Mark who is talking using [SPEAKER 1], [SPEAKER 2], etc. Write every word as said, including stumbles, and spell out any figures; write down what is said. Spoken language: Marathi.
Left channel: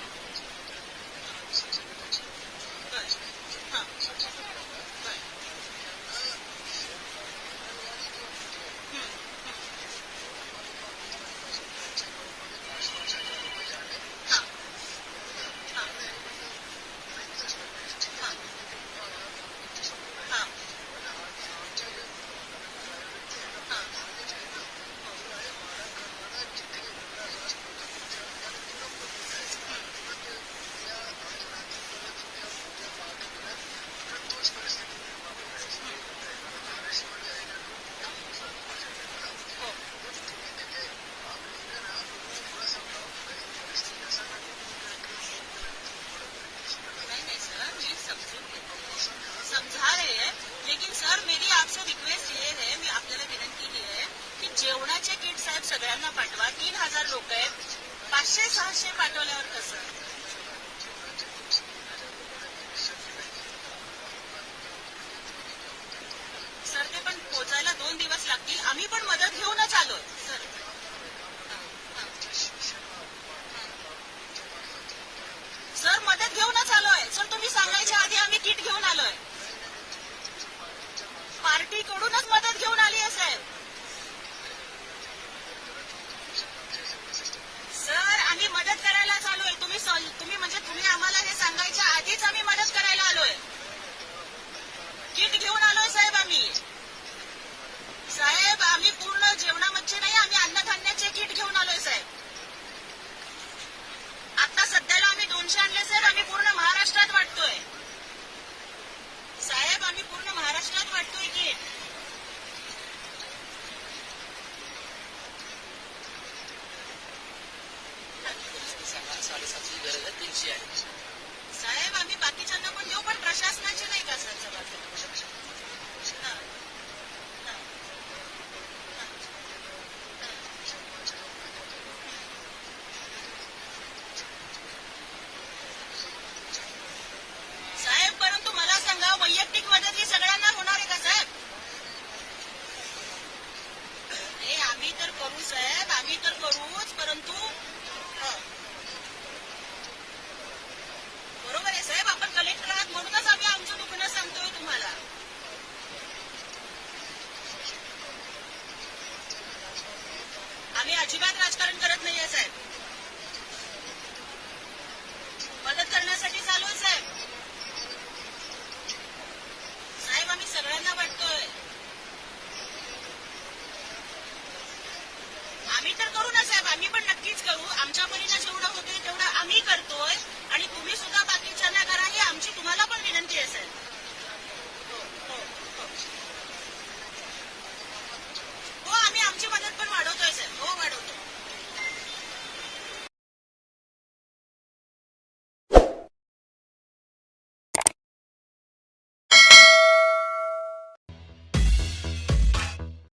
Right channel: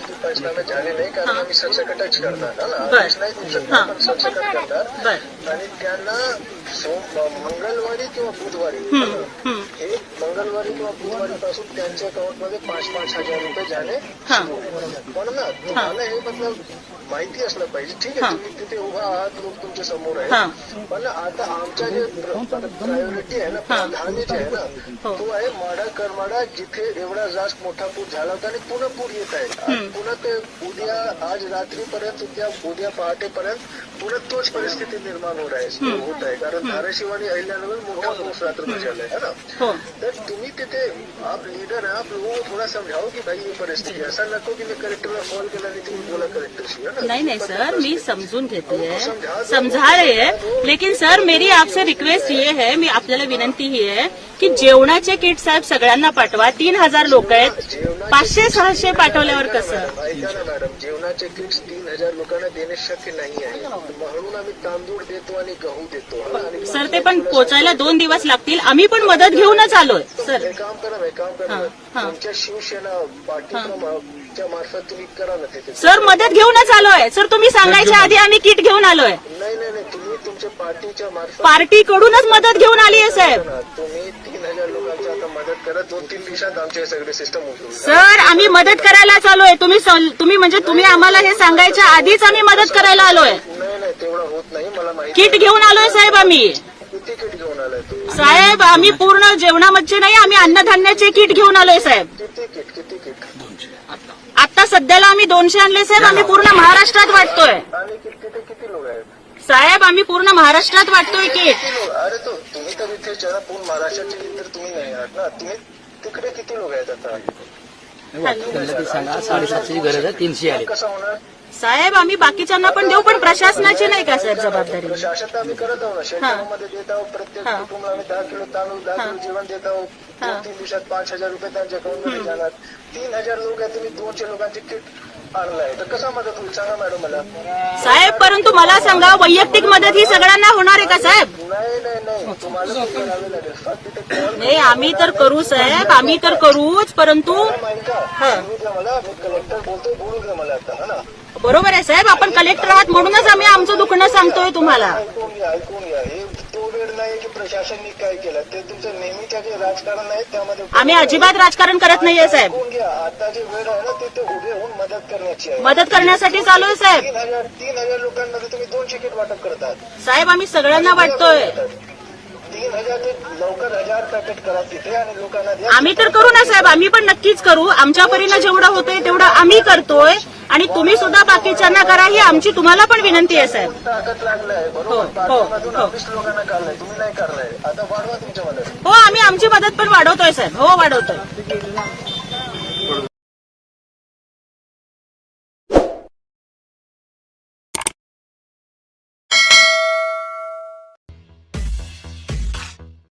[SPEAKER 1] अजून पंचनामे झाले नाही कारण आम्ही सरसकटच करणार ना, आदेश नाही देऊ शकणार पण सरसकट करणार आणि त्यांना सोम मंगळवारी किंवा बुधवारी हे मंगळवारी किंवा बुधवारी पासून त्यांच्या अकाउंटमध्ये पाच पाच हजार रुपये जाणे सुरू होणार. पण ना तुम्हाला हे मतलब माहिती असलं पाहिजे. ठीक आहे तुम्ही तिथे उभा आहात, लोक तुमच्या समोर आहे, पण आता आमच्या जे प्रायोरिटी आहे ना, प्राधान्य जे आहे ना तो आहे माडा करमाडा, जिथे एवढा जास्त मोठा पूर झाला होता आणि पुन्हा पूर येत आहे. पुन्हा ते उद्या आज रात्रीपर्यंत उद्या उद्या पहाटेपर्यंत पुन्हा तोच परिस्थिती निर्माण होत आहे होत आहे कारण धाराशिव आणि अहिल्यानगर मोठा पाऊस रात्र झालाय है ना. तर तुम्ही तिथे आप लीडर है, आप लोगों को थोड़ा समझाओ की भाई ये परिस्थिती ऐसा नको की मी कलेक्टरला कॉल केला आणि तुम्ही बोला कलेक्टरशी है ना.
[SPEAKER 2] नहीं नहीं सर, मैं समझून घेते है, समझा रहे हैं, लेकिन सर मेरी आपसे रिक्वेस्ट ये है, मी आपल्याला विनंती ही आहे की जेवणाचे किट साहेब सगळ्यांना पाठवा. तीन हजार लोक आहेत, पाचशे सहाशे पाठवल्यावर कसं.
[SPEAKER 1] ऐका ना मॅडम, जेवणाचे किट्स तीन हजार लोकांना देणे शक्य नाही आहे, म्हणून आम्ही तांदूळ देतो आणि गहू देतो.
[SPEAKER 2] सर ते पण पोचायला दोन दिवस लागतील, आम्ही पण मदत घेऊनच आलोय. सर
[SPEAKER 1] हे काम करा, हे काम करा, तुमच्या शिवसेना पार्टीच्या मार्फत तुम्ही करा ना ते.
[SPEAKER 2] सर मदत घेऊनच आलोय. सर तुम्ही सांगायच्या आधी आम्ही किट घेऊन आलोय.
[SPEAKER 1] नाही नाही नाही, तुम्ही तुमच्या पार्टीच्या मार्फत
[SPEAKER 2] पार्टीकडूनच मदत घेऊन आली आहे साहेब.
[SPEAKER 1] तुम्ही तीन हजार लोकांची आता मदत करा, दोन तीन दिवसात आमचे सगळे सिस्टम उठवून.
[SPEAKER 2] सर आम्ही मदत करायला आलोय. तुम्ही तुम्ही म्हणजे तुम्ही आम्हाला हे सांगायच्या आधीच आम्ही मदत करायला आलोय.
[SPEAKER 1] नाही नाही तेवढं होत नाही, मला माहिती.
[SPEAKER 2] किट घेऊन आलोय साहेब आम्ही.
[SPEAKER 1] किती किट घेऊन आलाय तुम्ही
[SPEAKER 2] साहेब? आम्ही पूर्ण जेवणामध्ये नाही, आम्ही अन्नधान्याचे किट घेऊन आलोय साहेब.
[SPEAKER 1] किती किट किती किट
[SPEAKER 2] आता सध्याला आम्ही दोनशे आणले साहेब. आम्ही पूर्ण महाराष्ट्रात वाटतोय
[SPEAKER 1] आणि किती किती लोक आहेत
[SPEAKER 2] साहेब. आम्ही पूर्ण महाराष्ट्रात वाटतोय किट.
[SPEAKER 1] अरे तो तुम्ही तर इथे जरा पूर्ण महाराष्ट्राचे तर तुम्ही नाही आहात ना, तुम्ही तिकडे किती लोक आहेत आता.
[SPEAKER 3] साडेसातशेची गरज आहे, तीनशे आले.
[SPEAKER 1] कसं होणार
[SPEAKER 2] साहेब? आम्ही बाकीच्यांना पण देऊ, पण प्रशासनाची नाही का सर जबाबदारी.
[SPEAKER 1] प्रशासन तर आम्ही करत आहोत ना, शेतकऱ्यांमध्ये देत आहोत. प्रत्येक कुटुंबाला आम्ही दहा किलो तांदूळ दहा किलो जेवण देत आहोत. दोन तीन दिवसात पाच हजार रुपये त्यांच्या अकाउंटमध्ये जाणार. तीन हजार लोक आहेत, तुम्ही दोनशे लोकांचे किट आणलाय तर कसा मदत होईल सांगा मॅडम मला.
[SPEAKER 2] साहेब परंतु मला सांगा, वैयक्तिक मदत ही सगळ्यांना होणार आहे का साहेब?
[SPEAKER 1] नाही नाही नाही, तुम्हाला ते करावे लागेल. फक्त तिथे कॉल
[SPEAKER 2] नाही आम्ही तर करू साहेब, आम्ही तर करूच, परंतु
[SPEAKER 1] ऐका बोलू द्या मला, मी कलेक्टर बोलतोय, बोलू द्या मला आता. हा ना
[SPEAKER 2] बरोबर आहे साहेब, आपण कलेक्टर आहात म्हणूनच आम्ही आमचं दुखणं सांगतोय तुम्हाला.
[SPEAKER 1] ऐकून घ्या ऐकून घ्या, हे तो वेळ नाही की प्रशासनने काय केलं, ते तुमचं नेहमीचं जे राजकारण आहे त्यामध्ये
[SPEAKER 2] आम्ही अजिबात राजकारण करत नाहीये साहेब.
[SPEAKER 1] ऐकून घ्या, आता जे वेळ आहे ना ते ते उभे होऊन मदत करण्याची आहे.
[SPEAKER 2] मदत करण्यासाठी चालू आहे साहेब.
[SPEAKER 1] तीन हजार तीन हजार लोकांमध्ये तुम्ही दोनशे किट वाटप करतात
[SPEAKER 2] साहेब. आम्ही सगळ्यांना वाटतोय.
[SPEAKER 1] तीन हजार ते लवकर हजार पॅकेट करा तिथे आणि लोकांना द्या.
[SPEAKER 2] आम्ही तर करू ना साहेब, आम्ही पण नक्कीच करू. आमच्या परीनं जेवढं होतंय तेवढं आम्ही करतोय आणि तुम्ही सुद्धा बाकीच्यांना करा, ही आमची तुम्हाला पण विनंती आहे साहेब.
[SPEAKER 1] ताकद लागलाय बरोबर, पाठीमधून ऑफिस लोकांना काढलाय, तुम्ही नाही करलाय, आता वाढवा तुमच्या मदत.
[SPEAKER 2] हो आम्ही आमची मदत पण वाढवतोय साहेब. हो वाढवतोय.